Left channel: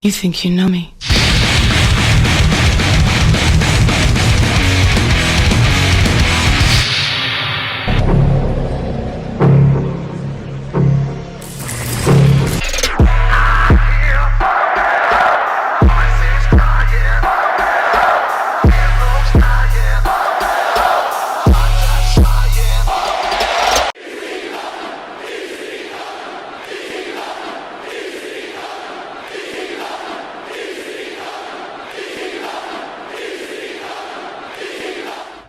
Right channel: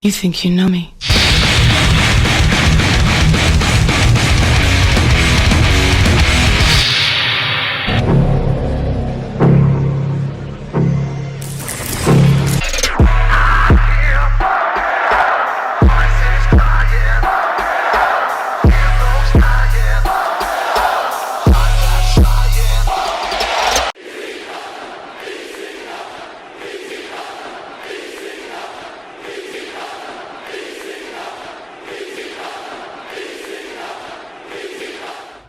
You think you know me?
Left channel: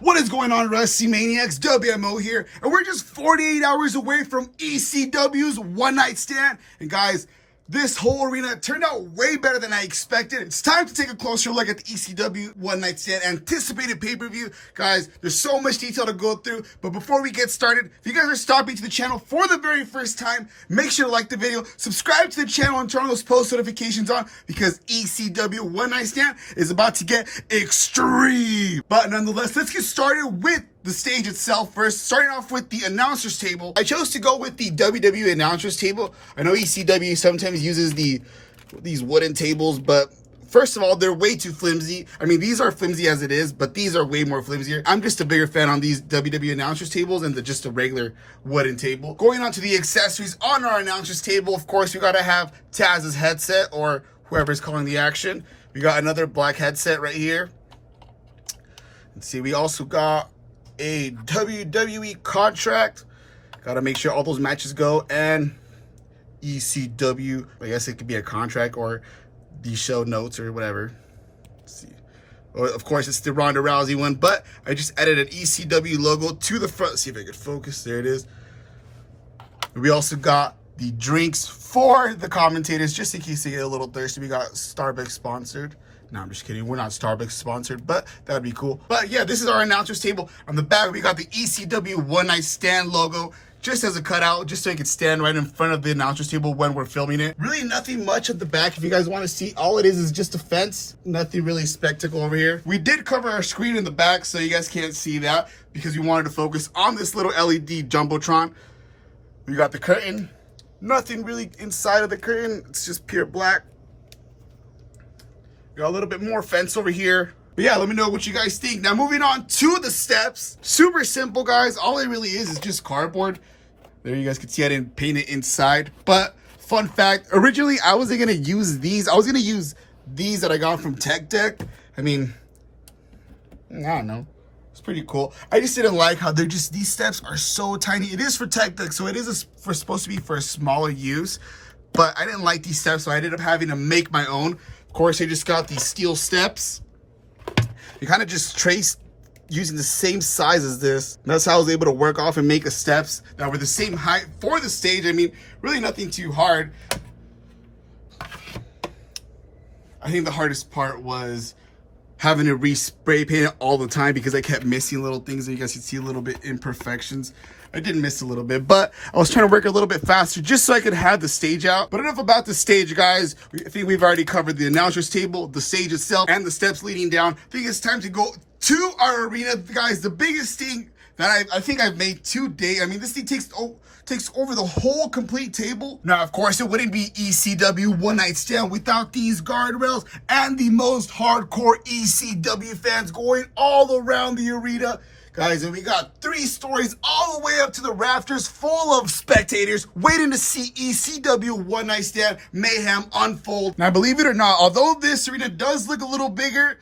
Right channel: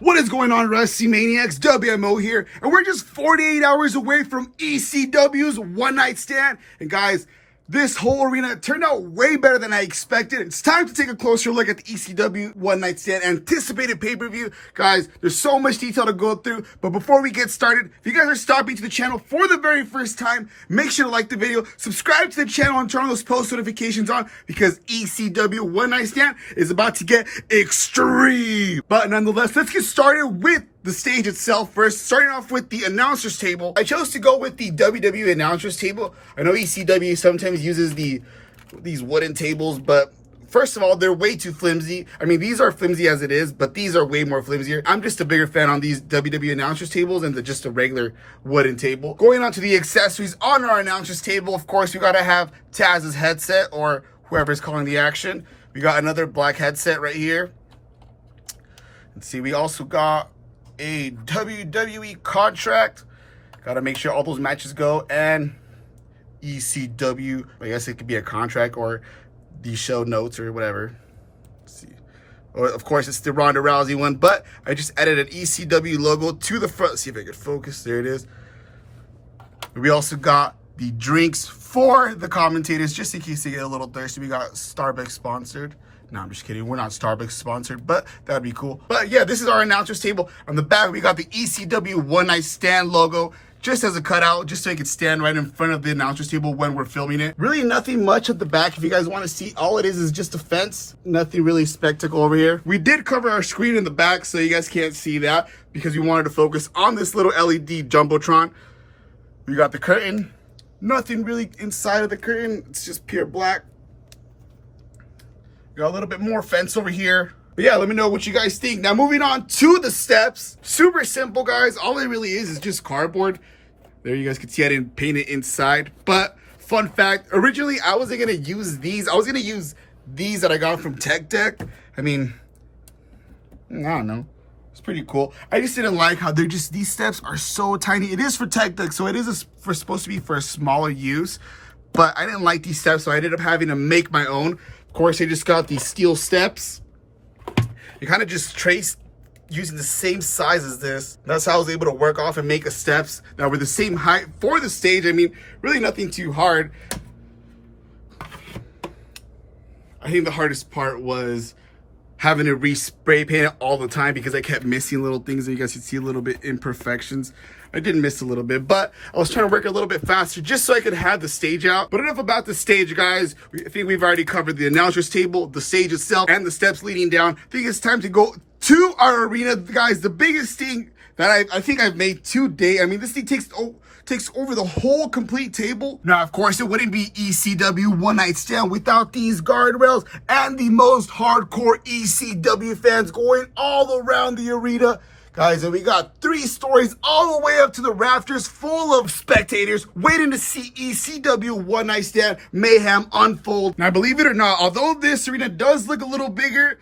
What is going on, Wrestling Maniacs? WMO here, and we're just 48 hours away from ECW's One Night Stand. And guys, this whole arena turned out way better than I expected. It's time to take a closer look at the ECW One Night Stand anticipated pay-per-view. Guys, there's so much detail to go through, but before we get started, if you guys are stopping to the channel for the very first time, make sure to like the video, subscribe to the channel, and turn those post notifications on, because ECW One Night Stand is about to get extreme. But nonetheless, let's get started with the stage itself first, starting off with the announcers table. I chose to go with the WWE announcers table. I know ECW sometimes uses these wooden tables, but first of all, they're way too flimsy. I mean, these are flimsy as it is, but these are way more flimsier. I'm just a bigger fan on these WWE announcers tables than just a regular wooden table. Going on to the accessories on our announcers table, of course, we gotta have Taz's headset, or whoever's calling the action. We got another black headset right here. Let's see, we also got a WWE contract. Gotta make sure all those matches go, and ECW, I guess it could be a contract or the show notes or whatever. Let's see. Or of course it's the Ronda Rousey one, but I just added an ECW logo to the front. Let's see if I could focus. There it is. We also got the drinks for the commentators, just in case they get a little thirsty. We got Starbucks sponsored. No, I'm just kidding. We're not Starbucks sponsored, but that'd be cool. But yeah, this is our announcers table. On the back, we got the ECW One Night Stand logo, just as a cutout, just so it could stand right in front of the announcers table when we're filming it. Really nothing much at the back. If you guys want to see, all it is just a fence. Nothing really spectacle over here. We did cover our screen in the back, so you guys can't see that, because we wanted to focus on this little LED Jumbotron. We got the curtain. Nothing really inside of the curtain. It's just pure black. Got a little bit more fence over here. But yeah, let me know what you guys think. Now moving on to the steps. Super simple, guys. All it really is just cardboard. There, you guys can see I didn't paint it inside. But fun fact, originally I wasn't gonna use these. I was gonna use these that I got from Tech Deck. I mean, I don't know. It's pretty cool. I just didn't like how these steps are so tiny. It is for Tech Deck, so it is supposed to be for a smaller use. But I didn't like these steps, so I ended up having to make my own. Of course, I just got these steel steps. You kind of just trace using the same size as this. That's how I was able to work off and make the steps that were the same height for the stage. I mean, really nothing too hard. I think the hardest part was having to re-spray paint it all the time, because I kept missing little things, and you guys can see a little bit imperfections. I did miss a little bit, but I was trying to work a little bit faster just so I could have the stage out. But enough about the stage, guys. I think we've already covered the announcers table, the stage itself, and the steps leading down. I think it's time to go to our arena, guys. The biggest thing that I think I've made to date. I mean, this thing takes over the whole complete table. Now, of course, it wouldn't be ECW One Night Stand without these guardrails and the most hardcore ECW fans going all around the arena. Guys, and we got 3 stories all the way up to the rafters full of spectators waiting to see ECW One Night Stand mayhem unfold. Now, believe it or not, although this arena does look a little bigger,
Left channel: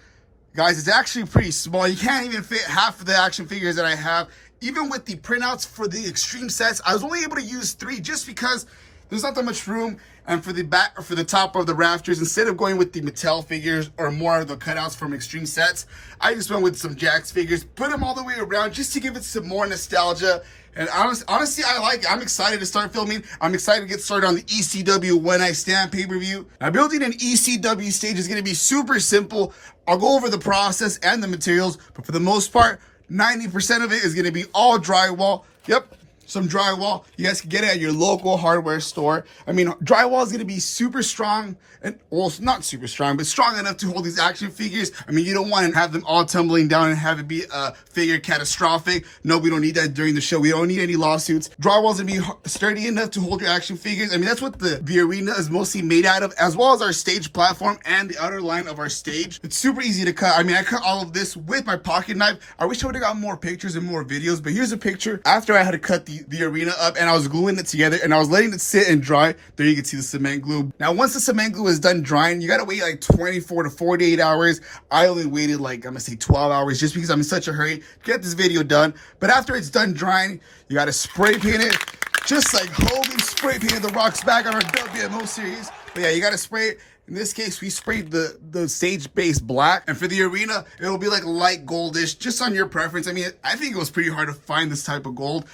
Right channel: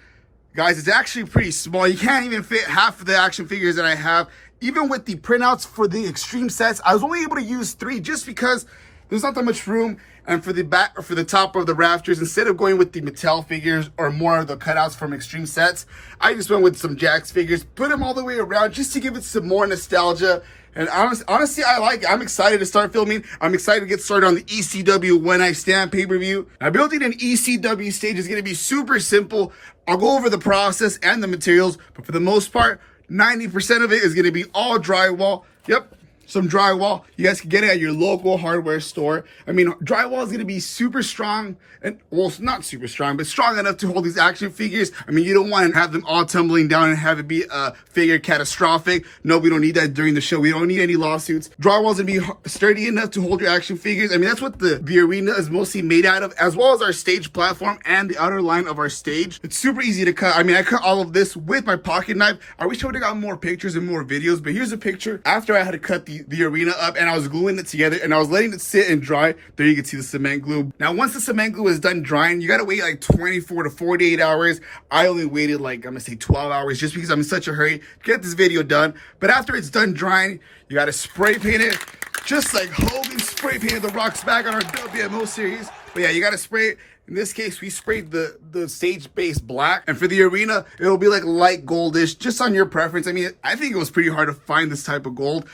guys, it's actually pretty small. You can't even fit half of the action figures that I have. Even with the printouts for the extreme sets, I was only able to use 3 just because there's not that much room. And for the back, or for the top of the rafters, instead of going with the Mattel figures or more of the cutouts from extreme sets, I just went with some Jakks figures, put them all the way around just to give it some more nostalgia. And honestly, I like it. I'm excited to start filming. I'm excited to get started on the ECW One Night Stand pay-per-view. Now, building an ECW stage is going to be super simple. I'll go over the process and the materials, but for the most part, 90% of it is going to be all drywall. Yep. some drywall. You guys can get it at your local hardware store. I mean, drywall is going to be super strong, and well, not super strong, but strong enough to hold these action figures. I mean, you don't want to have them all tumbling down and have it be a figure catastrophic. No, we don't need that during the show. We don't need any lawsuits. Drywall is going to be sturdy enough to hold your action figures. I mean, that's what the arena is mostly made out of, as well as our stage platform and the outer line of our stage. It's super easy to cut. I mean, I cut all of this with my pocket knife. I wish I would have got more pictures and more videos, but here's a picture after I had to cut the arena up, and I was gluing it together and I was letting it sit and dry. There you can see the cement glue. Now, once the cement glue is done drying, you gotta wait like 24 to 48 hours. I only waited like, I'm gonna say 12 hours just because I'm in such a hurry to get this video done. But after it's done drying, you gotta spray paint it, just like Hogan spray painted The Rock's back on our WMO series. But yeah, you gotta spray it. In this case, we sprayed the stage base black, and for the arena, it'll be like light goldish, just on your preference. I mean, I think it was pretty hard to find this type of gold.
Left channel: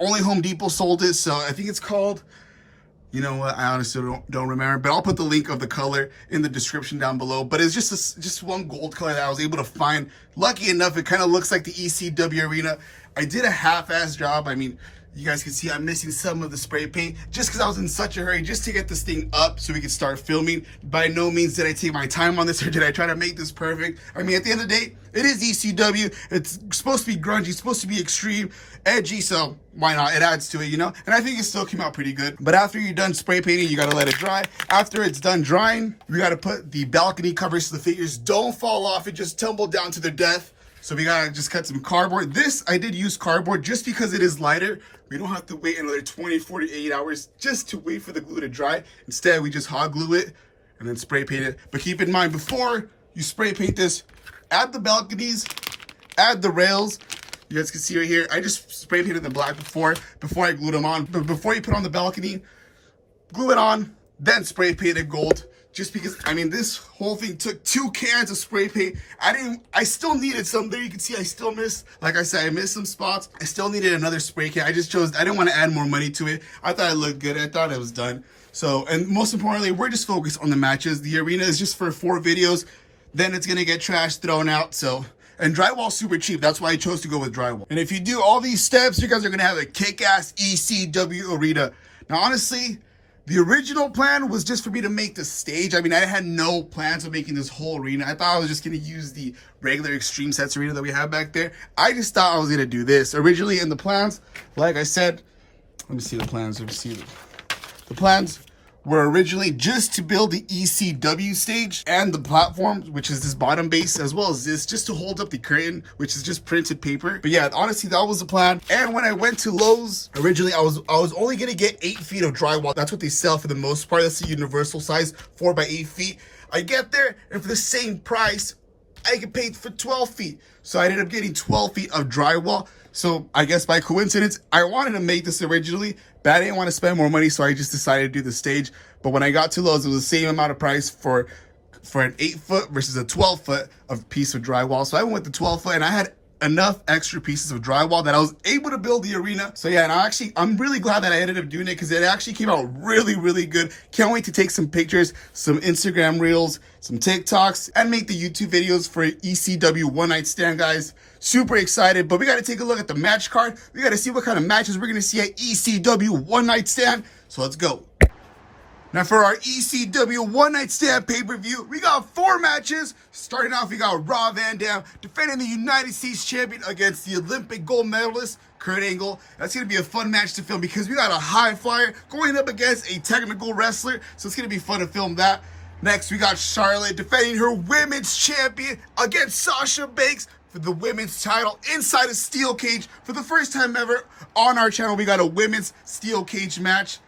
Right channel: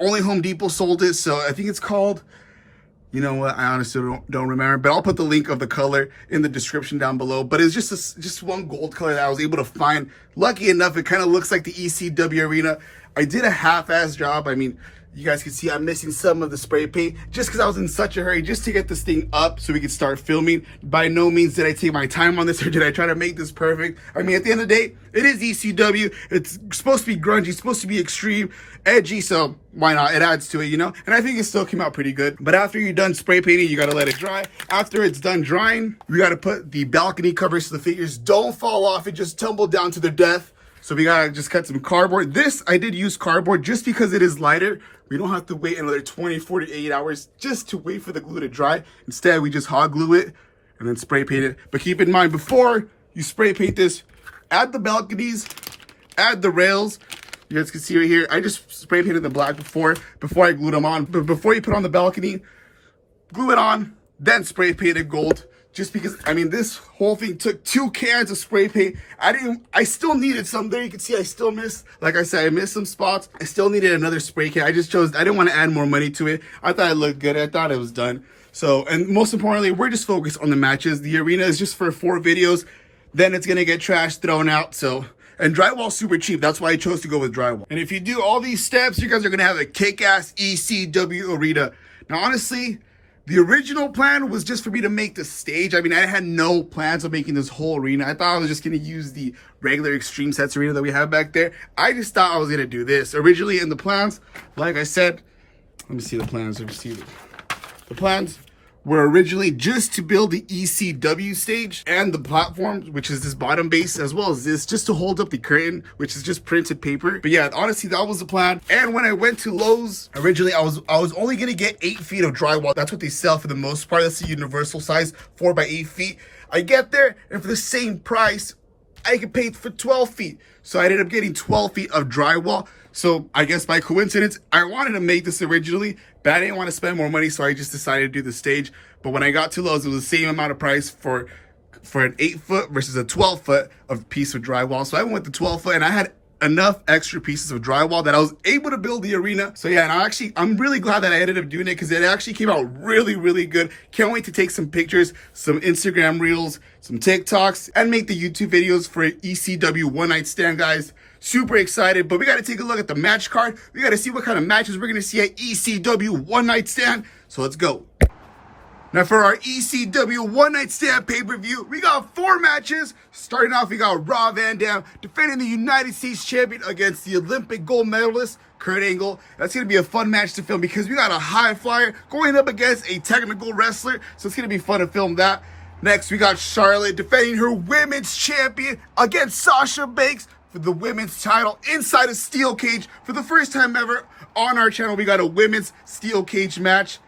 Only Home Depot sold it, so I think it's called, you know what, I honestly don't remember, but I'll put the link of the color in the description down below. But it's just one gold color that I was able to find. Lucky enough, it kind of looks like the ECW arena. I did a half-ass job. I mean, you guys can see I'm missing some of the spray paint just because I was in such a hurry just to get this thing up so we could start filming. By no means did I take my time on this or did I try to make this perfect. I mean, at the end of the day, it is ECW. It's supposed to be grungy, it's supposed to be extreme, edgy, so why not? It adds to it, you know? And I think it still came out pretty good. But after you're done spray painting, you gotta let it dry. After it's done drying, we gotta put the balcony covers so the figures don't fall off and just tumble down to their death. So we gotta just cut some cardboard. This, I did use cardboard just because it is lighter. We don't have to wait another 24 to 8 hours just to wait for the glue to dry. Instead, we just hot glue it and then spray paint it. But keep in mind, before you spray paint this, add the balconies, add the rails. You guys can see right here, I just spray painted the black before I glued them on. But before you put on the balcony, glue it on, then spray paint it gold. Just because, I mean, this whole thing took 2 cans of spray paint. I still needed some. There you can see I still missed, like I said, I missed some spots. I still needed another spray can. I didn't want to add more money to it. I thought it looked good. I thought it was done. So, and most importantly, we're just focused on the matches. The arena is just for 4 videos. Then it's going to get trashed, thrown out. So, and drywall's super cheap. That's why I chose to go with drywall. And if you do all these steps, you guys are going to have a kick-ass ECW arena. Now, honestly, the original plan was just for me to make the stage. I mean, I had no plans of making this whole arena. I thought I was just going to use the regular Extreme Sets arena that we have back there. I just thought I was going to do this. Originally in the plans, like I said, let me see the plans. Let me see the plans were originally just to build the ECW stage and the platform, which is this bottom base, as well as this, just to hold up the curtain, which is just printed paper. But yeah, honestly, that was the plan. And when I went to Lowe's, originally I was only gonna get 8 feet of drywall. That's what they sell for the most part. That's the universal size, 4 by 8 feet. I get there, and for the same price, I could pay for 12 feet. So I ended up getting 12 feet of drywall. So I guess by coincidence, I wanted to make this originally, but I didn't want to spend more money, so I just decided to do the stage. But when I got to Lowe's, it was the same amount of price for an 8-foot versus a 12-foot of piece of drywall. So I went with the 12-foot, and I had enough extra pieces of drywall that I was able to build the arena. So yeah, and I'm really glad that I ended up doing it because it actually came out really, really good. Can't wait to take some pictures, some Instagram reels, some TikToks, and make the YouTube videos for ECW One Night Stand, guys. Super excited, but we got to take a look at the match card. We got to see what kind of matches we're going to see at ECW One Night Stand. So let's go. Now for our ECW One Night Stand pay-per-view, we got 4 matches. Starting off, we got Rob Van Dam defending the United States Champion against the Olympic gold medalist, Kurt Angle. That's going to be a fun match to film because we got a high flyer going up against a technical wrestler. So it's going to be fun to film that. Next, we got Charlotte defending her women's champion against Sasha Banks for the women's title inside a steel cage. For the first time ever on our channel, we got a women's steel cage match.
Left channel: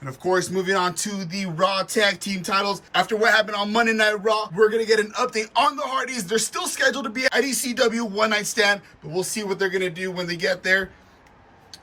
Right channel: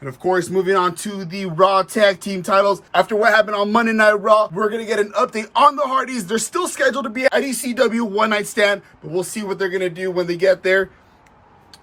And of course, moving on to the Raw Tag Team titles. After what happened on Monday Night Raw, we're going to get an update on the Hardys. They're still scheduled to be at ECW One Night Stand, but we'll see what they're going to do when they get there.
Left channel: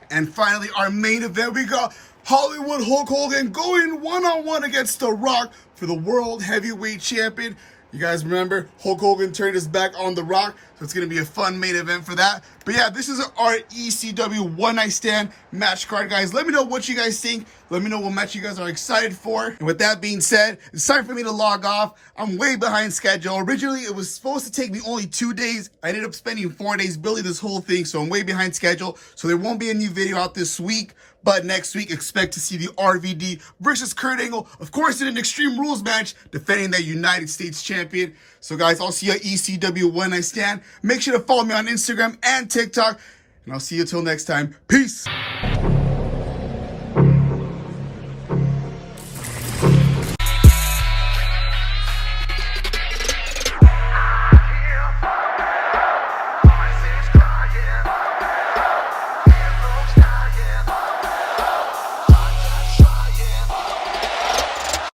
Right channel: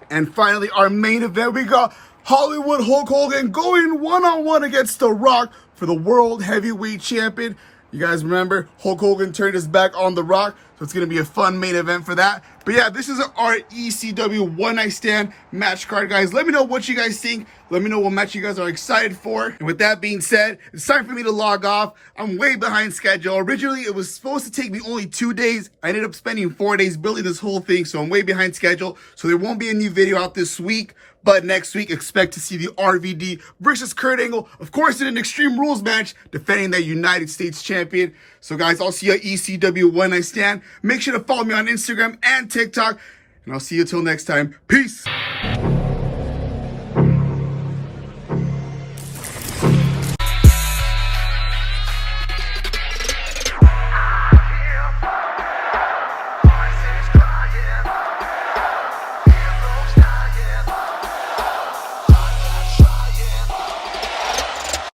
And finally, our main event, we got Hollywood Hulk Hogan going one-on-one against The Rock for the World Heavyweight Champion. You guys remember Hulk Hogan turned his back on The Rock, So it's going to be a fun main event for that. But yeah, this is our ECW One Night Stand match card, guys. Let me know what you guys think. Let me know what match you guys are excited for. And with that being said, it's time for me to log off. I'm way behind schedule. Originally, it was supposed to take me only 2 days. I ended up spending 4 days building this whole thing, so I'm way behind schedule. So there won't be a new video out this week. But next week, expect to see the RVD versus Kurt Angle, of course, in an Extreme Rules match, defending that United States champion. So guys, I'll see you at ECW One Night Stand. Make sure to follow me on Instagram and TikTok. And I'll see you till next time. Peace.